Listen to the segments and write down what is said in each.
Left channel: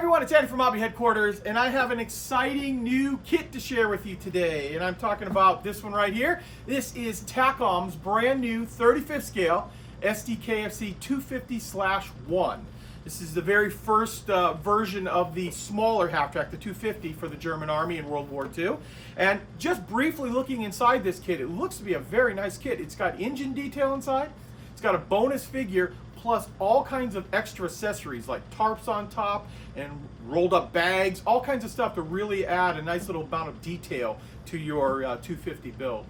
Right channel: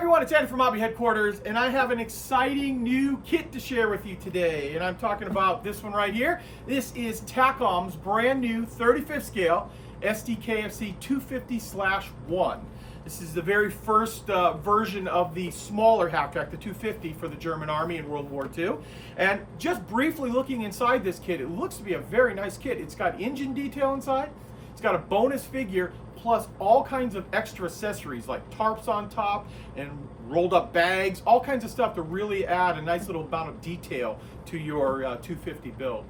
everyone, it's Andy from Hobby Headquarters, and I have an exciting new kit to share with you today. And I'm talking about this one right here. This is Takom's brand new 35th scale Sd.Kfz 250/1. This is the very first version of the smaller half-track, the 250 for the German Army in World War II. And just briefly looking inside this kit, it looks to be a very nice kit. It's got engine detail inside. It's got a bonus figure, plus all kinds of extra accessories like tarps on top and rolled up bags, all kinds of stuff to really add a nice little amount of detail to your 250 build.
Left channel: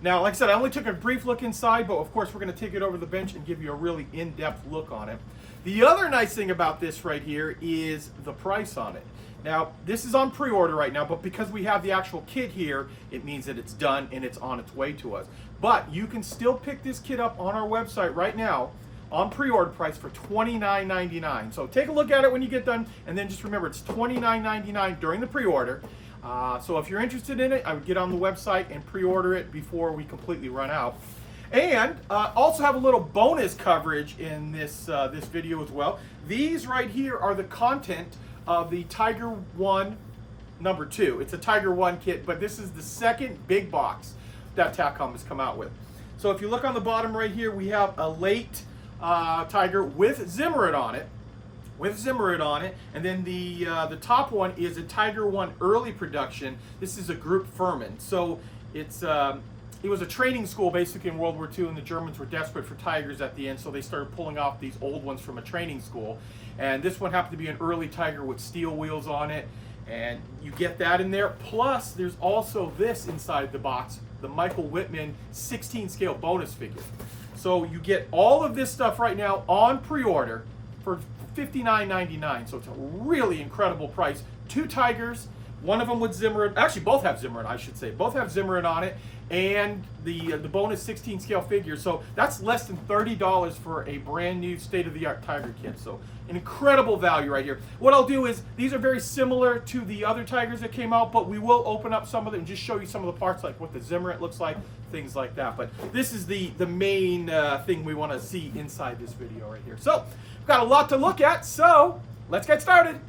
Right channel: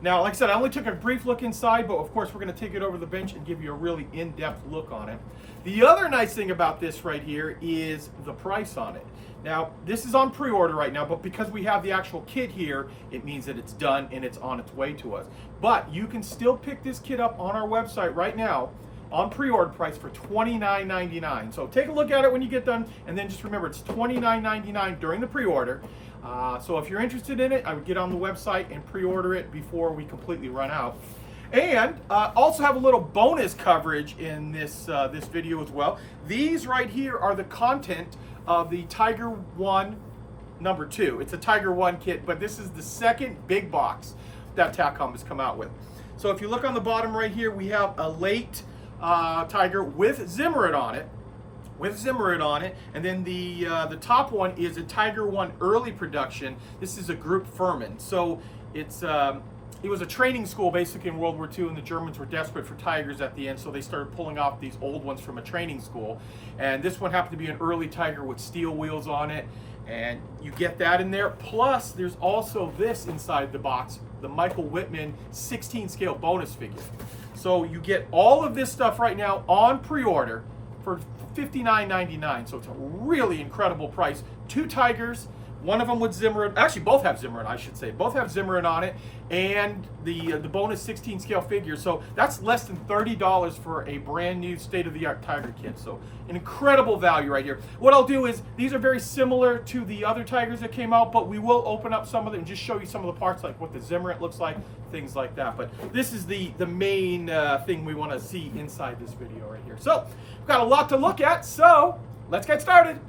Now, like I said, I only took a brief look inside, but of course we're going to take it over the bench and give you a really in-depth look on it. The other nice thing about this right here is the price on it. Now, this is on pre-order right now, but because we have the actual kit here, it means that it's done and it's on its way to us. But you can still pick this kit up on our website right now on pre-order price for $29.99. So take a look at it when you get done, and then just remember it's $29.99 during the pre-order. So if you're interested in it, I would get on the website and pre-order it before we completely run out. And also have a little bonus coverage in this this video as well. These right here are the content of the Tiger 1 number 2. It's a Tiger 1 kit, but this is the second big box that Takom has come out with. So if you look on the bottom right here, we have a late Tiger with Zimmerit on it, and then the top one is a Tiger 1 early production. This is a Group Furman. So it's it was a training school basically in World War II, and the Germans were desperate for Tigers at the end, so they started pulling off these old ones from a training school. And this one happened to be an early Tiger with steel wheels on it, and you get that in there. Plus, there's also this inside the box, the Michael Whitman 16 scale bonus figure. So you get all of this stuff right now on pre-order for $59.99. So it's a really incredible price. 2 Tigers, one of them with Zimmerit. Actually, both have Zimmerit, I should say. Both have Zimmerit on it, and the bonus 16 scale figure. So that's less than $30 for a brand new state-of-the-art Tiger kit. So an incredible value right here. What I'll do is, these are very similar to the other Tigers that came out, but we will open up some of them and just show you some of the parts, like what the Zimmerit looks like, things like that. But this is the main thing we want to see inside this video right here. So we've got a lot to look at, so let's get started.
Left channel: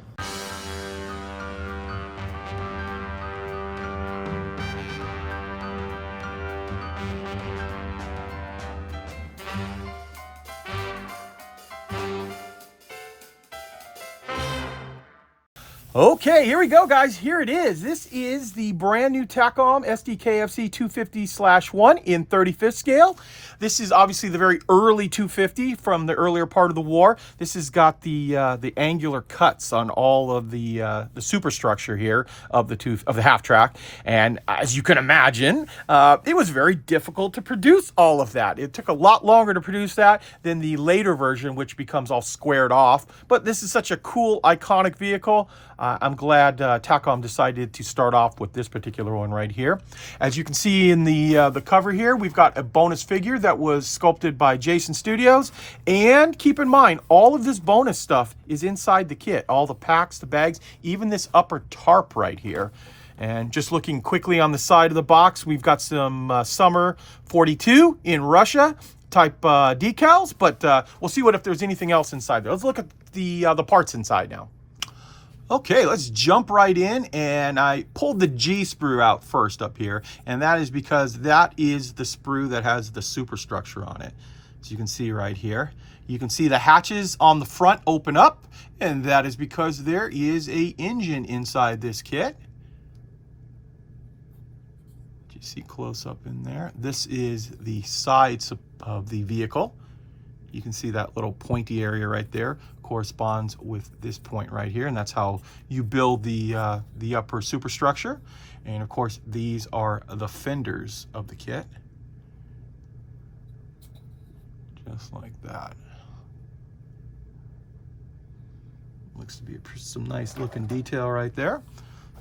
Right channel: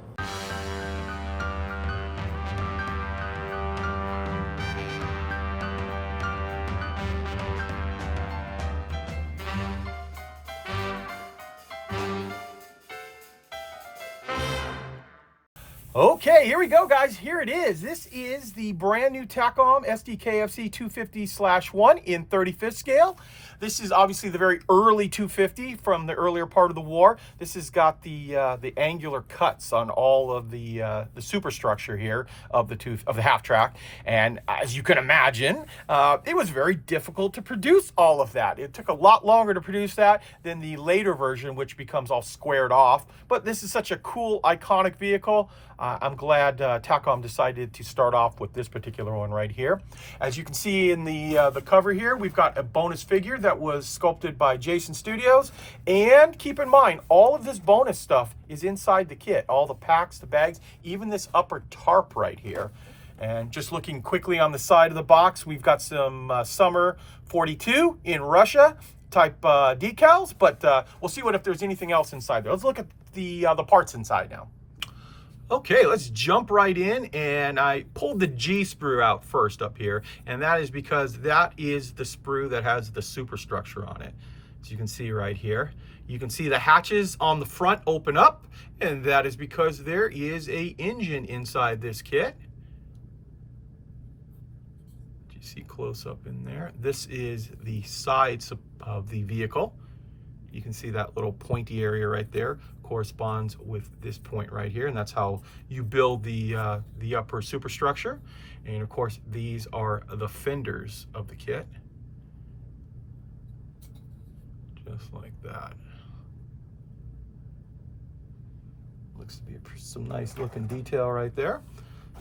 Okay, here we go, guys. Here it is. This is the brand new Takom Sd.Kfz 250/1 in 35th scale. This is obviously the very early 250 from the earlier part of the war. This has got the angular cuts on all of the superstructure here of the half track, and as you can imagine, it was very difficult to produce all of that. It took a lot longer to produce that than the later version, which becomes all squared off. But this is such a cool, iconic vehicle. I'm glad Takom decided to start off with this particular one right here. As you can see in the cover here, we've got a bonus figure that was sculpted by Jason Studios. And keep in mind, all of this bonus stuff is inside the kit. All the packs, the bags, even this upper tarp right here. And just looking quickly on the side of the box, we've got some Summer 42 in Russia type decals, but we'll see if there's anything else inside there. Let's look at the parts inside now. Okay, let's jump right in, and I pulled the G sprue out first up here, and that is because that is the sprue that has the superstructure on it. As you can see right here, you can see the hatches on the front open up, and that is because there is an engine inside this kit. You see close up in there. This is the sides of the vehicle. You can see that little pointy area right there corresponds with this point right here, and that's how you build the upper superstructure. And of course, these are the fenders of the kit, just like that. Looks to be some nice looking detail right there.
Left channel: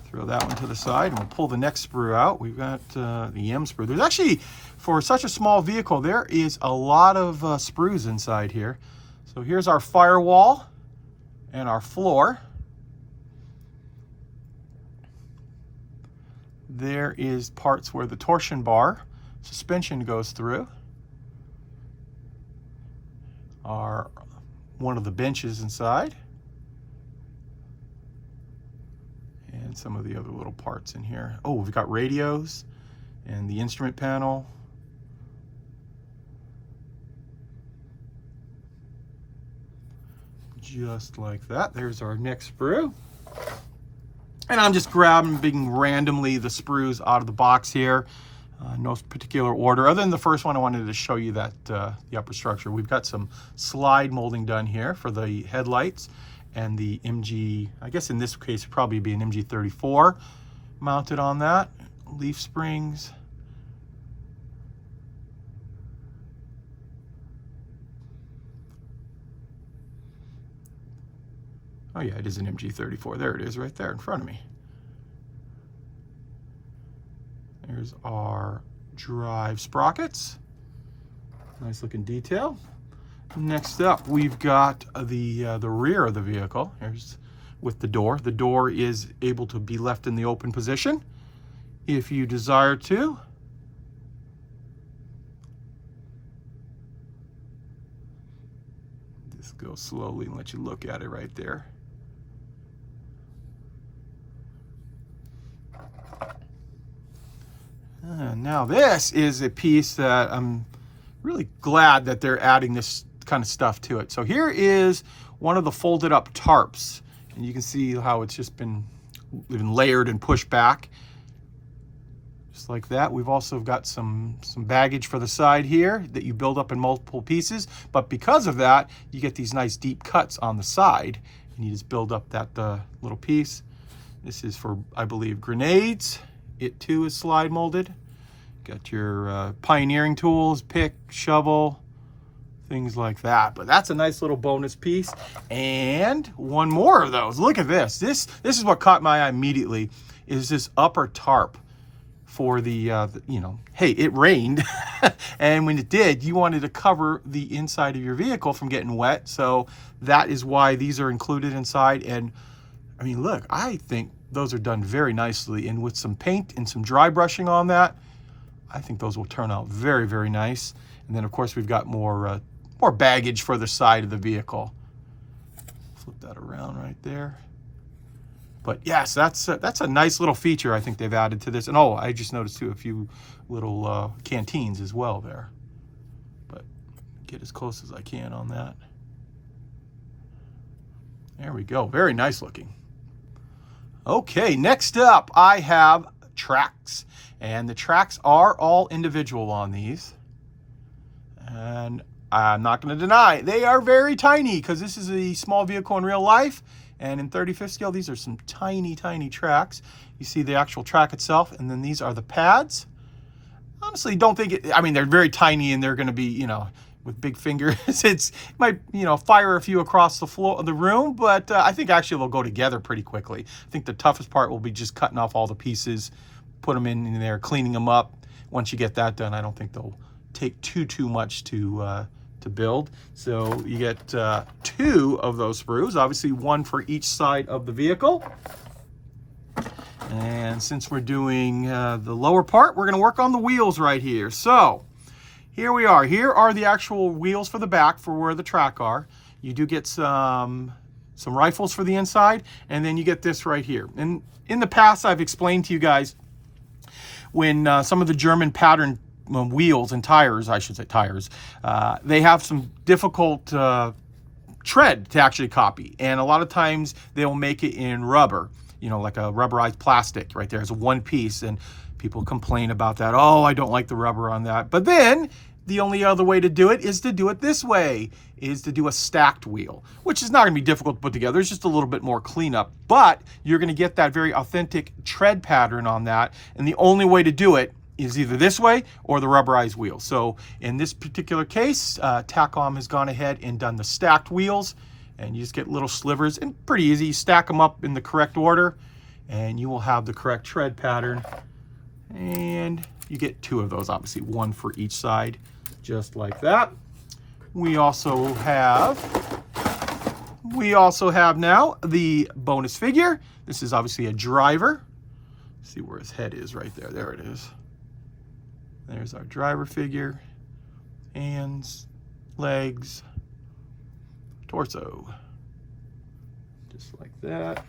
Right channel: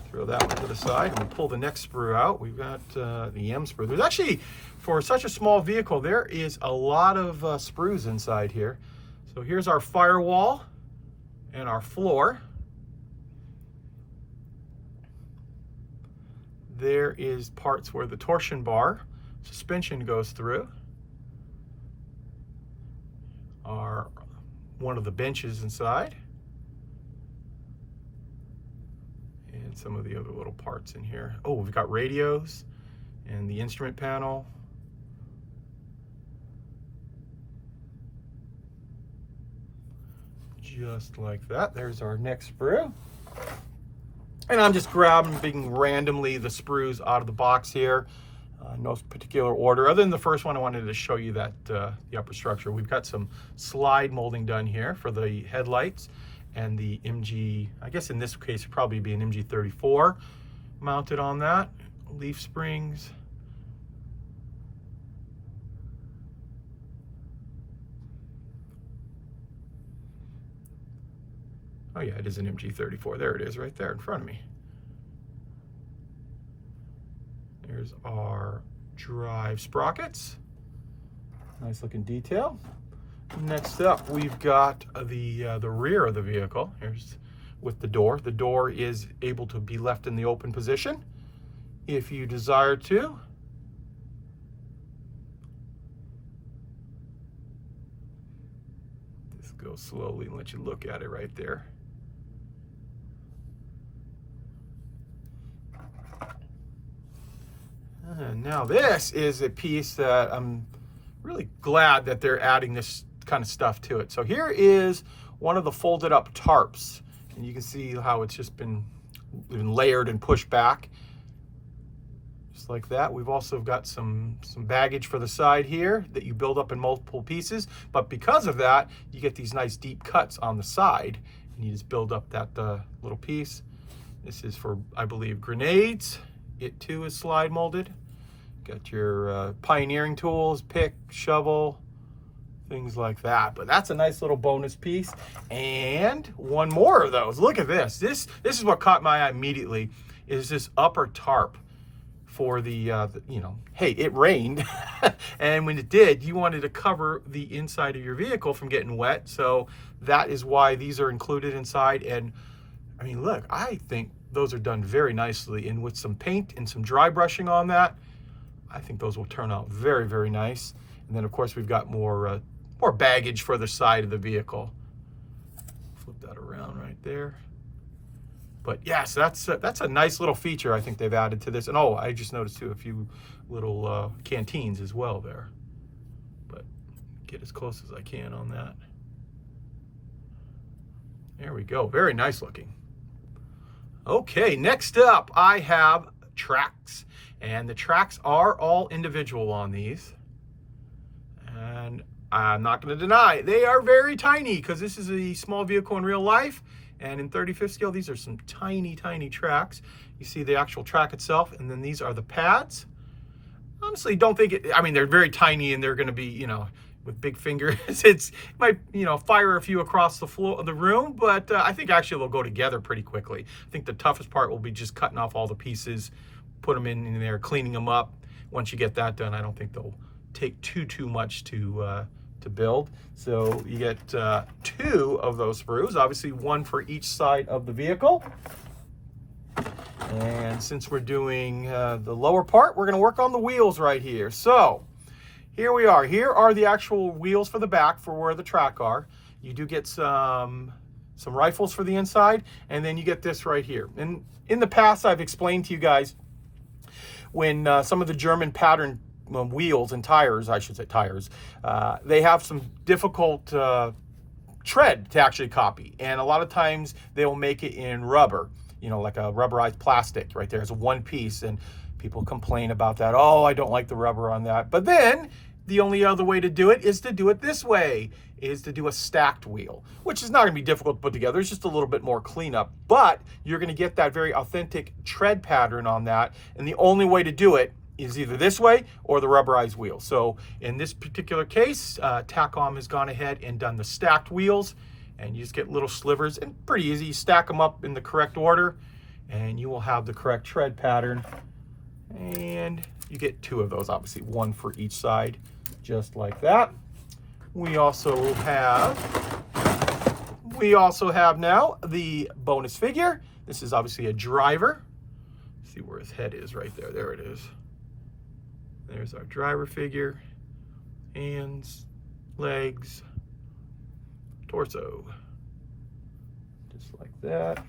Throw that one to the side, and we'll pull the next sprue out. We've got the M sprue. There's actually, for such a small vehicle, there is a lot of sprues inside here. So here's our firewall and our floor. There is parts where the torsion bar suspension goes through. One of the benches inside. some of the other little parts in here. Oh, we've got radios and the instrument panel. Just like that. There's our next sprue. And I'm just grabbing randomly the sprues out of the box here. No particular order, other than the first one I wanted to show you that the upper structure. We've got some slide molding done here for the headlights and the MG, I guess in this case it'd probably be an MG34 mounted on that. Leaf springs. Oh yeah, it is an MG34. There it is right there in front of me. There's our drive sprockets. Nice looking detail. Next up, we've got the rear of the vehicle. Here's with the door. The door is able to be left in the open position if you desire to. Just go slowly and let you look at it right there. Now this is a piece that I'm really glad that they're adding this kind of stuff to it. So here is one of the folded up tarps, and you can see how it's just been layered and pushed back just like that. We've also got some baggage for the side here that you build up in multiple pieces, but because of that you get these nice deep cuts on the side, and you just build up that little piece. This is for, I believe, grenades. It too is slide molded. Got your pioneering tools, pick, shovel, things like that. But that's a nice little bonus piece. And one more of those. Look at this. This is what caught my eye immediately, is this upper tarp for the you know, hey, it rained. And when it did, you wanted to cover the inside of your vehicle from getting wet. So that is why these are included inside. And I mean, look, I think those are done very nicely, and with some paint and some dry brushing on that, I think those will turn out very, very nice. And then of course we've got more baggage for the side of the vehicle. Flip that around right there. But yes, that's a nice little feature I think they've added to this. And oh, I just noticed too a few little canteens as well there. But get as close as I can on that. There we go, very nice looking. Okay, next up I have tracks, and the tracks are all individual on these, and I'm not going to deny they are very tiny, because this is a small vehicle in real life, and in 35th scale these are some tiny tracks. You see the actual track itself, and then these are the pads. Honestly, don't think it, I mean, they're very tiny and they're going to be, you know, with big fingers, it might, you know, fire a few across the floor of the room, but I think actually they'll go together pretty quickly. I think the toughest part will be just cutting off all the pieces, put them in there, cleaning them up. Once you get that done, I don't think they'll take too much to build. So you get 2 of those sprues, obviously 1 for each side of the vehicle. And since we're doing the lower part, we're going to work on the wheels right here. So here we are. Here are the actual wheels for the back for where the track are. You do get some rifles for the inside, and then you get this right here. And in the past, I've explained to you guys when some of the German pattern wheels and tires, I should say tires, they have some difficult tread to actually copy. And a lot of times they will make it in rubber, you know, like a rubberized plastic right there as a one piece. And people complain about that. Oh, I don't like the rubber on that. But then the only other way to do it is to do it this way, is to do a stacked wheel, which is not going to be difficult to put together. It's just a little bit more cleanup, but you're going to get that very authentic tread pattern on that. And the only way to do it is either this way or the rubberized wheel. So in this particular case, Takom has gone ahead and done the stacked wheels, and you just get little slivers, and pretty easy. You stack them up in the correct order and you will have the correct tread pattern. And you get 2 of those, obviously 1 for each side, just like that. We also have now the bonus figure. This is obviously a driver. See where his head is right there. There it is. There's our driver figure. Hands, legs, torso. Just like that.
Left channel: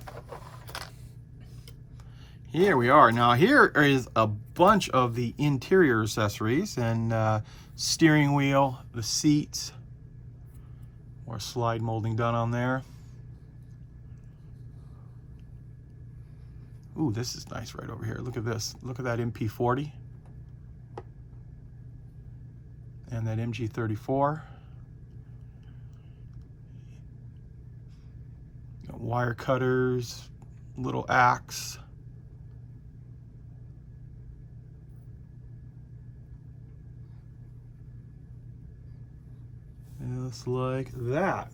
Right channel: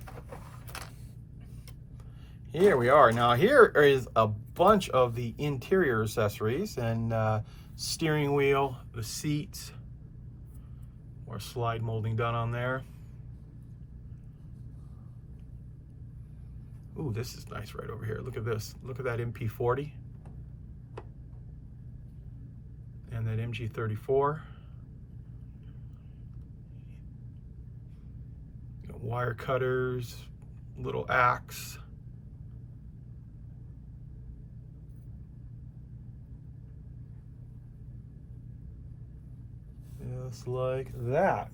Here we are. Now here is a bunch of the interior accessories and steering wheel, the seats, more slide molding done on there. Ooh, this is nice right over here. Look at this. Look at that MP40 and that MG34. Got wire cutters, little axe. Just like that.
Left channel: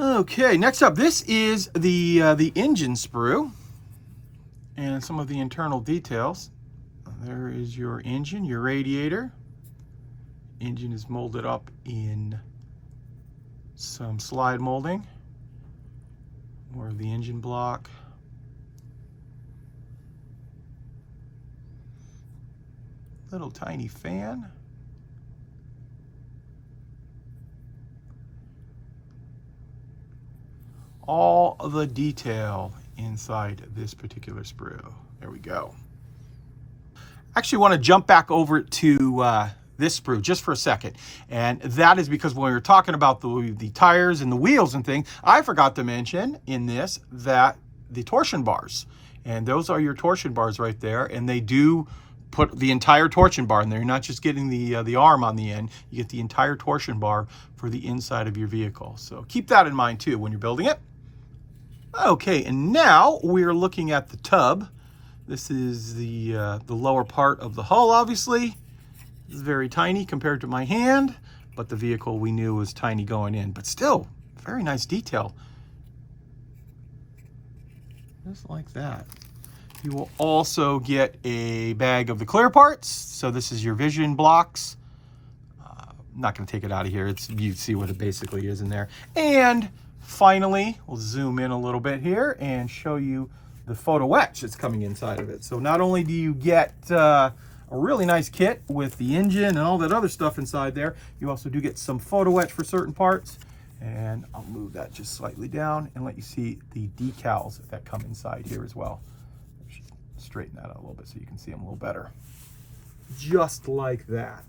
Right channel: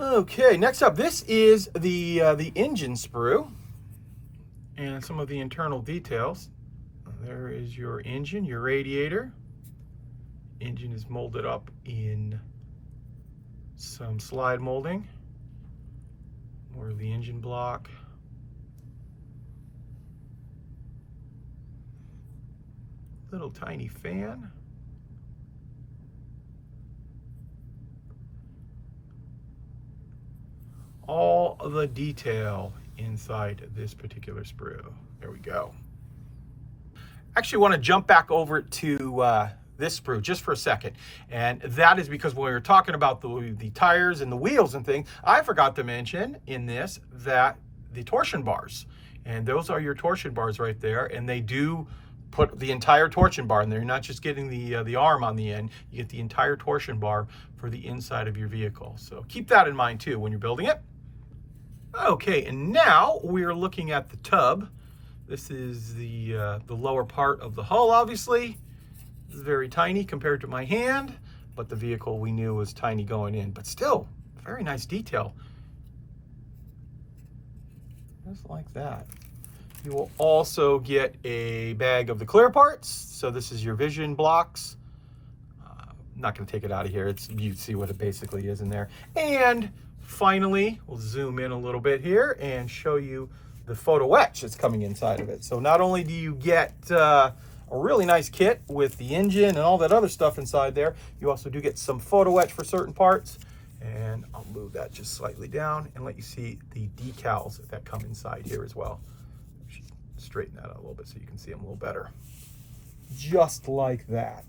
Okay, next up, this is the engine sprue and some of the internal details. There is your engine, your radiator. Engine is molded up in some slide molding. More of the engine block. Little tiny fan. All of the detail inside this particular sprue. There we go. Actually want to jump back over to this sprue just for a second. And that is because when we were talking about the tires and the wheels and things, I forgot to mention in this that the torsion bars. And those are your torsion bars right there. And they do put the entire torsion bar in there. You're not just getting the arm on the end. You get the entire torsion bar for the inside of your vehicle. So keep that in mind too when you're building it. Okay, and now we're looking at the tub. This is the lower part of the hull, obviously. It's very tiny compared to my hand, but the vehicle we knew was tiny going in, but still, very nice detail. Just like that. You will also get a bag of the clear parts. So this is your vision blocks. I'm not gonna take it out of here. You see what it basically is in there. And finally, we'll zoom in a little bit here and show you the photo-etch that's coming inside of it. So not only do you get a really nice kit with the engine and all that other stuff inside there, you also do get some photo-etch for certain parts. And I'll move that just slightly down and let you see the decals that come inside here as well. Straighten that out a little bit so you can see them a little better. Just like that.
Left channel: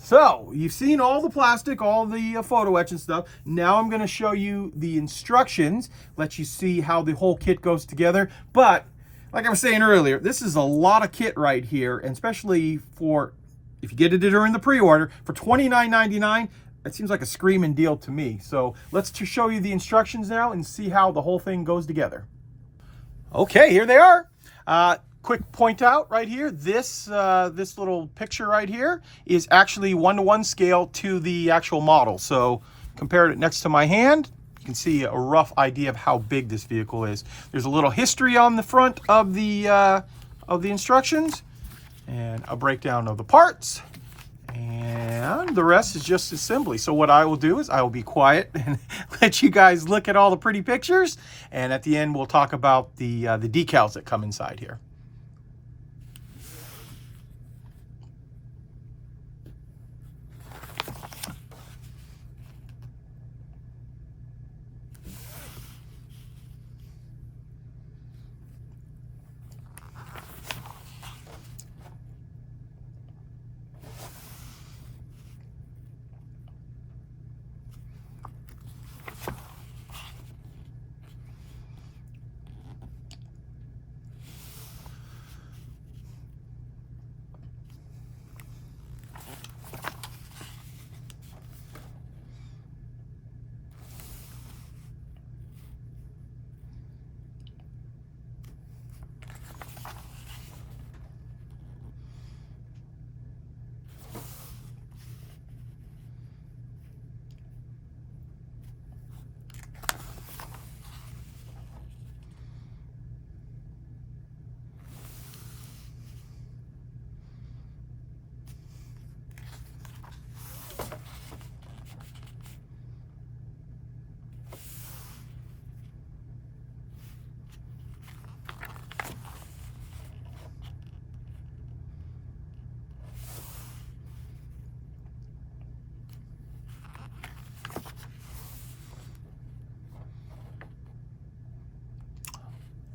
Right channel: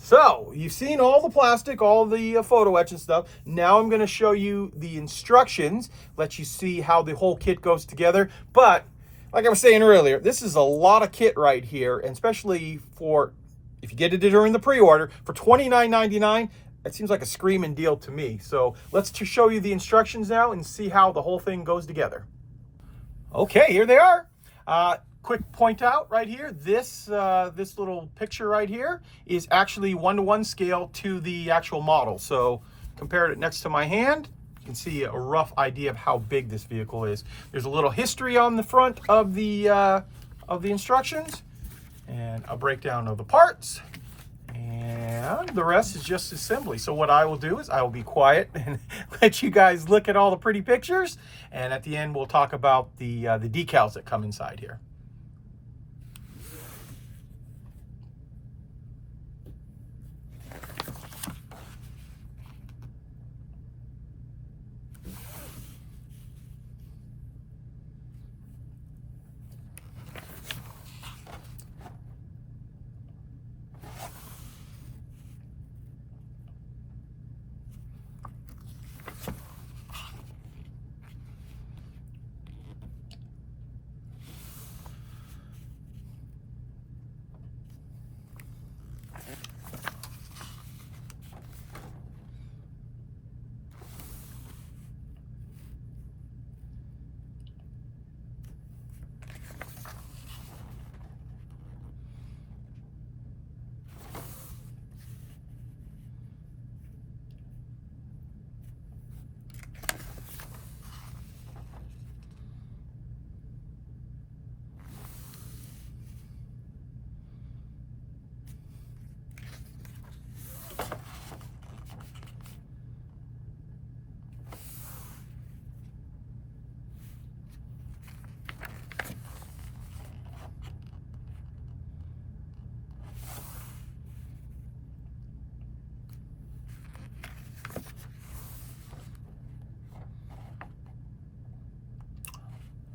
So, you've seen all the plastic, all the photo etch and stuff. Now I'm going to show you the instructions, let you see how the whole kit goes together. But, like I was saying earlier, this is a lot of kit right here, and especially for, if you get it during the pre-order, for $29.99, it seems like a screaming deal to me. So, let's just show you the instructions now and see how the whole thing goes together. Okay, here they are. Quick point out right here, this little picture right here is actually 1:1 scale to the actual model. So compared it next to my hand, you can see a rough idea of how big this vehicle is. There's a little history on the front of the instructions and a breakdown of the parts. And the rest is just assembly. So what I will do is I will be quiet and let you guys look at all the pretty pictures. And at the end, we'll talk about the decals that come inside here.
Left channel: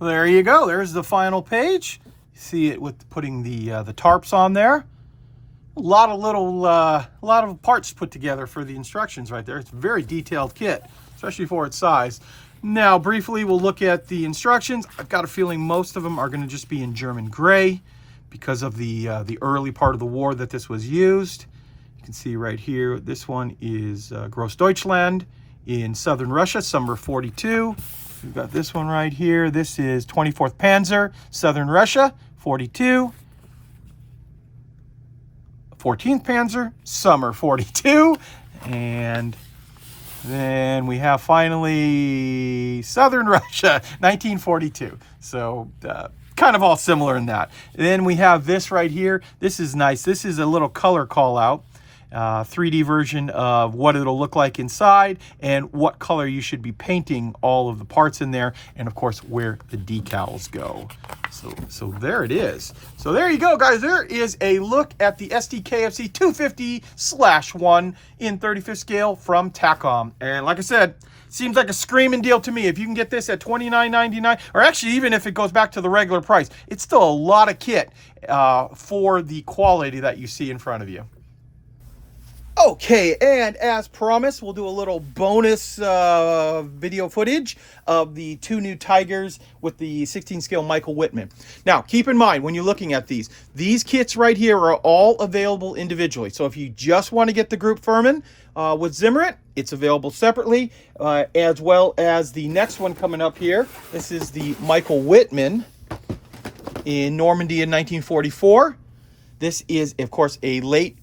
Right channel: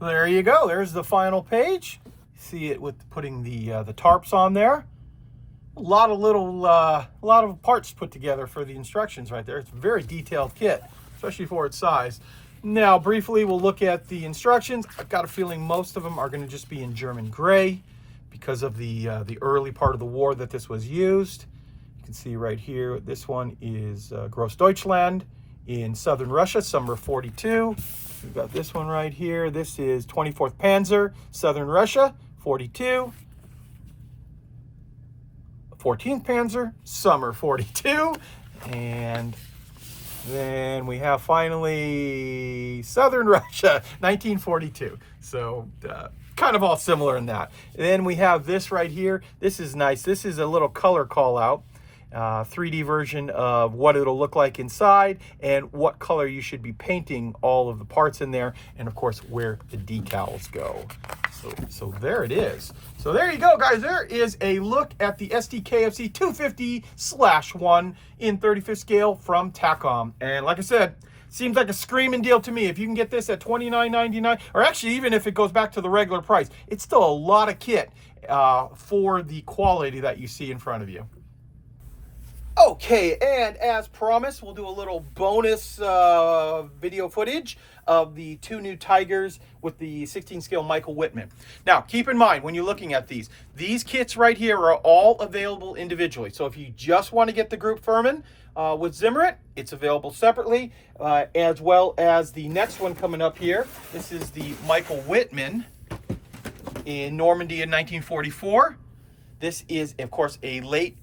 Well, there you go. There's the final page. You see it with putting the tarps on there. A lot of parts put together for the instructions right there. It's a very detailed kit, especially for its size. Now, briefly, we'll look at the instructions. I've got a feeling most of them are going to just be in German gray because of the early part of the war that this was used. You can see right here, this one is Großdeutschland in southern Russia, summer 42. We've got this one right here. This is 24th Panzer, southern Russia, 42. 14th Panzer, summer 42. And then we have finally southern Russia, 1942. So kind of all similar in that. Then we have this right here. This is nice. This is a little color call out. 3D version of what it'll look like inside and what color you should be painting all of the parts in there, and of course where the decals go. So there it is. So there you go, guys. There is a look at the Sd.Kfz 250/1 in 35th scale from Takom. And like I said, seems like a screaming deal to me. If you can get this at $29.99, or actually even if it goes back to the regular price, it's still a lot of kit for the quality that you see in front of you. Okay, and as promised, we'll do a little bonus video footage of the two new Tigers with the 16 scale Michael Wittmann. Now, keep in mind when you're looking at these kits right here are all available individually. So if you just want to get the group Furman with Zimmerit, it's available separately, as well as the next one coming up here. This is the Michael Wittmann in Normandy in 1944. This is, of course, a late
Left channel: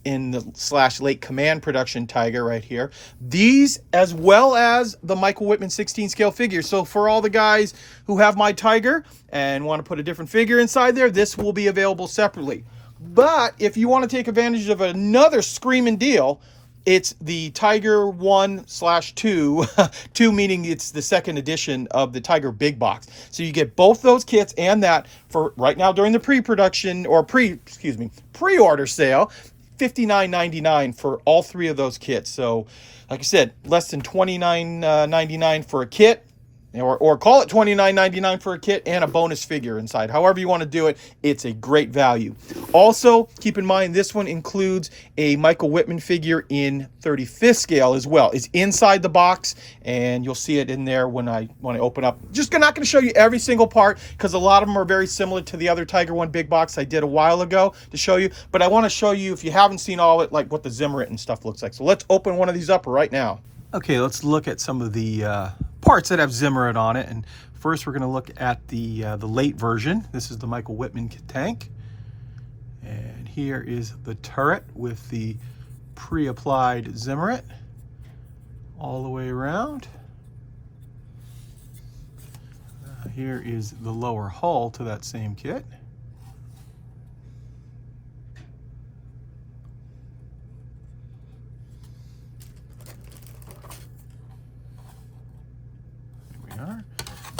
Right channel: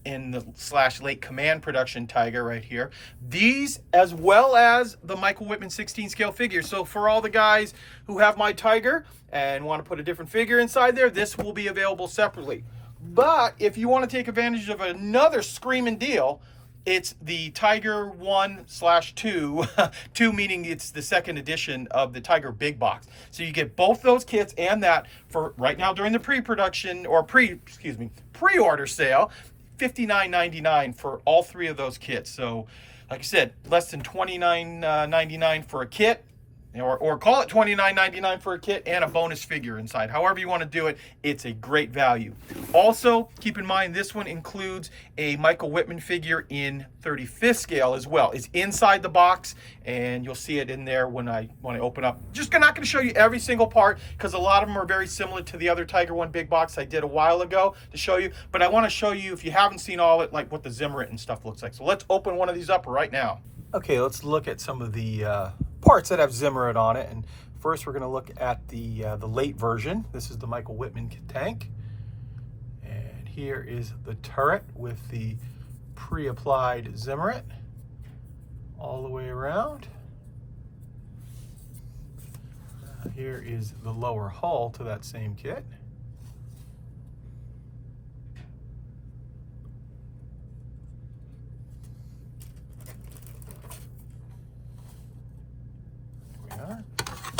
command production Tiger right here. These, as well as the Michael Wittmann 16 scale figure. So for all the guys who have my Tiger and want to put a different figure inside there, this will be available separately. But if you want to take advantage of another screaming deal, it's the Tiger 1/2, 2 meaning it's the second edition of the Tiger Big Box. So you get both those kits and that for right now during the pre-production or pre-order sale, $59.99 for all three of those kits. So like I said, less than $29.99 for a kit. Or call it $29.99 for a kit and a bonus figure inside. However you want to do it, it's a great value. Also, keep in mind this one includes a Michael Wittmann figure in 35th scale as well. It's inside the box, and you'll see it in there when I open up. Just not going to show you every single part because a lot of them are very similar to the other Tiger 1 big box I did a while ago to show you. But I want to show you, if you haven't seen all of it, like what the Zimmerit and stuff looks like. So let's open one of these up right now. Okay, let's look at some of the parts that have Zimmerit on it. And first we're going to look at the late version. This is the Michael Wittmann tank. And here is the turret with the pre-applied Zimmerit all the way around. Here is the lower hull to that same kit.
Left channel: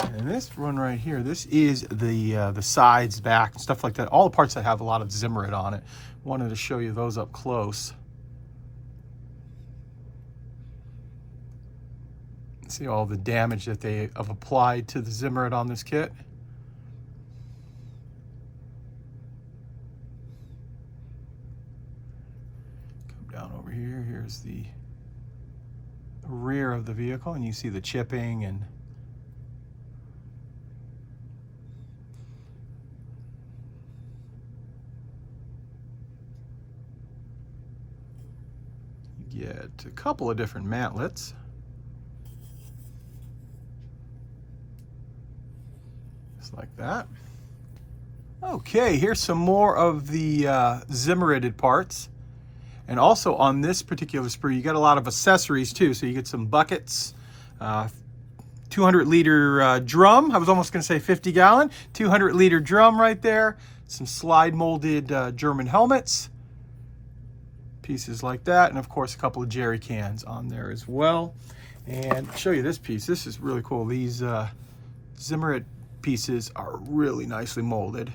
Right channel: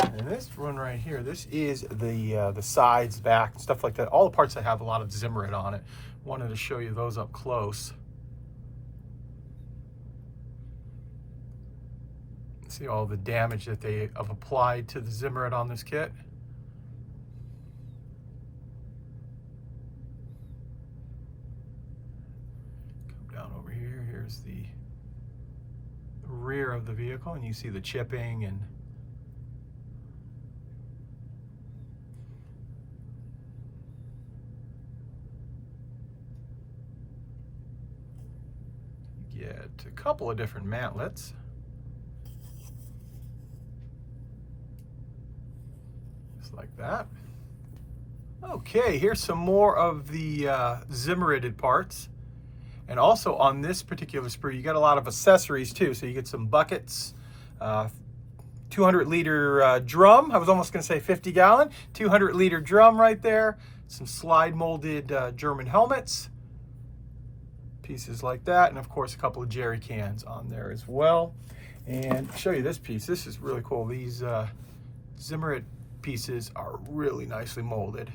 And this one right here, this is the sides, back, stuff like that. All the parts that have a lot of Zimmerit on it. Wanted to show you those up close. See all the damage that they have applied to the Zimmerit on this kit. Come down over here. Here's the rear of the vehicle, and you see the chipping and get a couple of different mantlets. Just like that. Okay, here's some more of the Zimmerited parts. And also on this particular sprue, you got a lot of accessories too. So you get some buckets, 200-liter drum. I was almost going to say 50-gallon. 200-liter drum right there. Some slide-molded German helmets. Pieces like that, and of course a couple of jerry cans on there as well. And I'll show you this piece. This is really cool. These Zimmerit pieces are really nicely molded,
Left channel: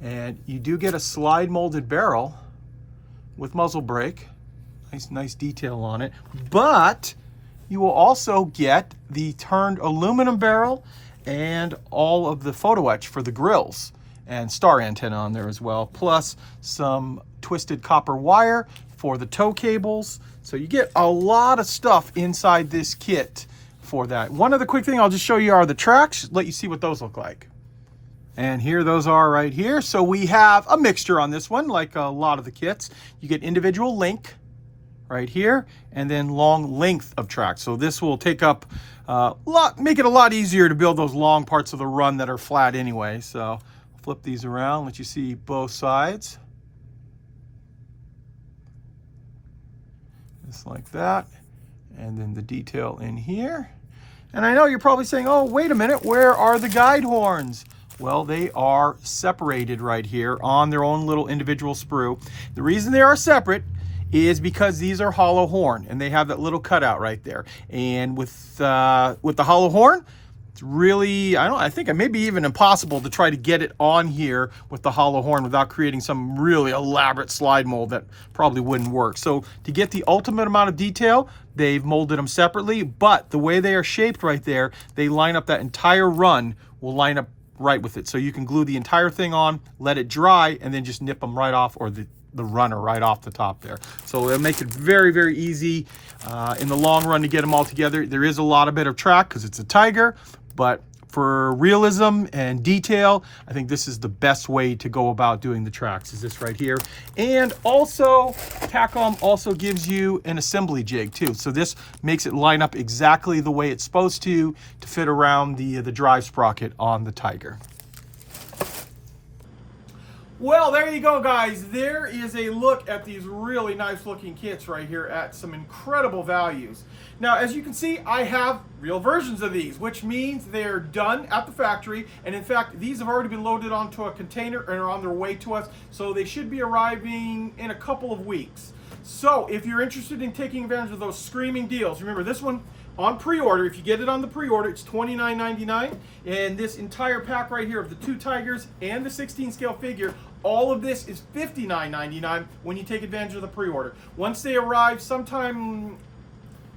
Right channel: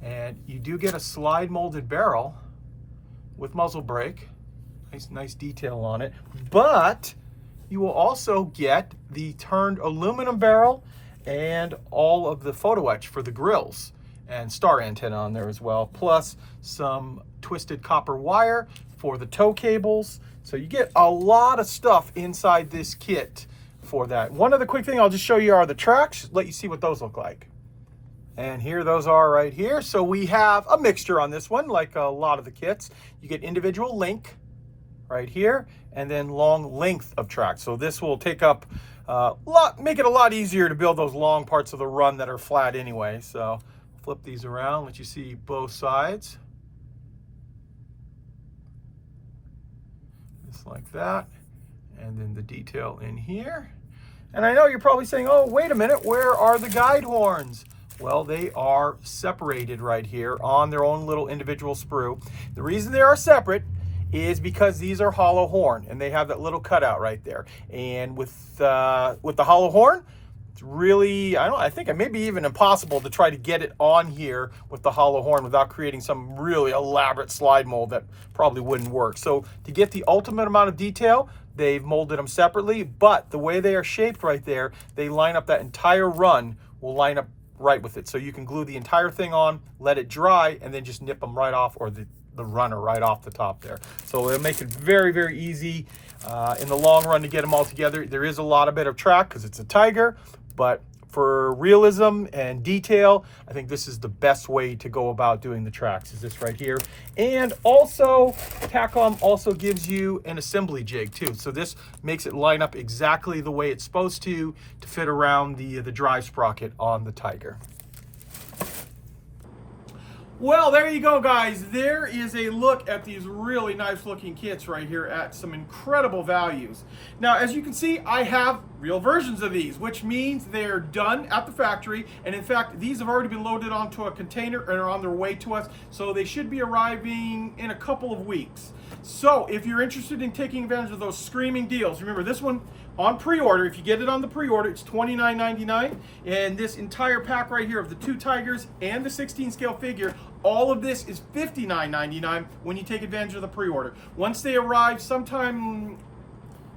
and you do get a slide molded barrel with muzzle brake. Nice detail on it, but you will also get the turned aluminum barrel and all of the photo etch for the grills and star antenna on there as well, plus some twisted copper wire for the tow cables. So you get a lot of stuff inside this kit for that. One other quick thing I'll just show you are the tracks, let you see what those look like. And here those are right here. So we have a mixture on this one, like a lot of the kits. You get individual link right here, and then long length of tracks. So this will take up make it a lot easier to build those long parts of the run that are flat anyway. So flip these around, let you see both sides. Just like that. And then the detail in here. And I know you're probably saying, oh, wait a minute, where are the guide horns? Well, they are separated right here on their own little individual sprue. The reason they are separate is because these are hollow horn, and they have that little cutout right there. And with the hollow horn, it's really, I think it may be even impossible to try to get it on here with the hollow horn without creating some really elaborate slide mold that probably wouldn't work. So to get the ultimate amount of detail, they've molded them separately, but the way they are shaped right there, they line up, that entire run will line up right with it. So you can glue the entire thing on, let it dry, and then just nip them right off, or the runner right off the top there. So it'll make it very, very easy in the long run to get them all together. There is a lot of bit of track because it's a Tiger, but for realism and detail, I think this is the best way to go about doing the tracks, is this right here. And also, Takom also gives you an assembly jig too. So this makes it line up exactly the way it's supposed to fit around the drive sprocket on the Tiger. Well, there you go, guys. There is a look at these really nice looking kits right here at some incredible values. Now, as you can see, I have real versions of these, which means they're done at the factory. And in fact, these have already been loaded onto a container and are on their way to us. So they should be arriving in a couple of weeks. So if you're interested in taking advantage of those screaming deals, remember this one on pre-order, if you get it on the pre-order, it's $29.99. And this entire pack right here of the 2 Tigers and the 16 scale figure, all of this is $59.99 when you take advantage of the pre-order. Once they arrive sometime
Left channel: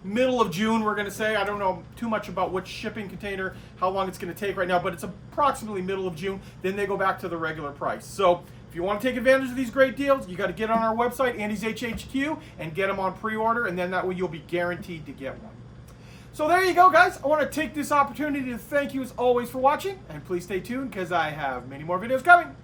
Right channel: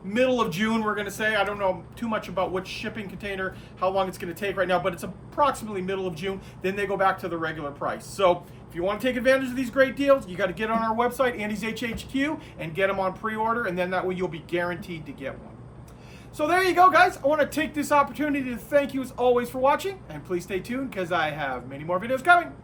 middle of June, we're gonna say, I don't know too much about which shipping container, how long it's gonna take right now, but it's approximately middle of June, then they go back to the regular price. So if you want to take advantage of these great deals, you got to get on our website, Andy's HHQ, and get them on pre-order, and then that way you'll be guaranteed to get one. So there you go, guys. I want to take this opportunity to thank you as always for watching, and please stay tuned because I have many more videos coming.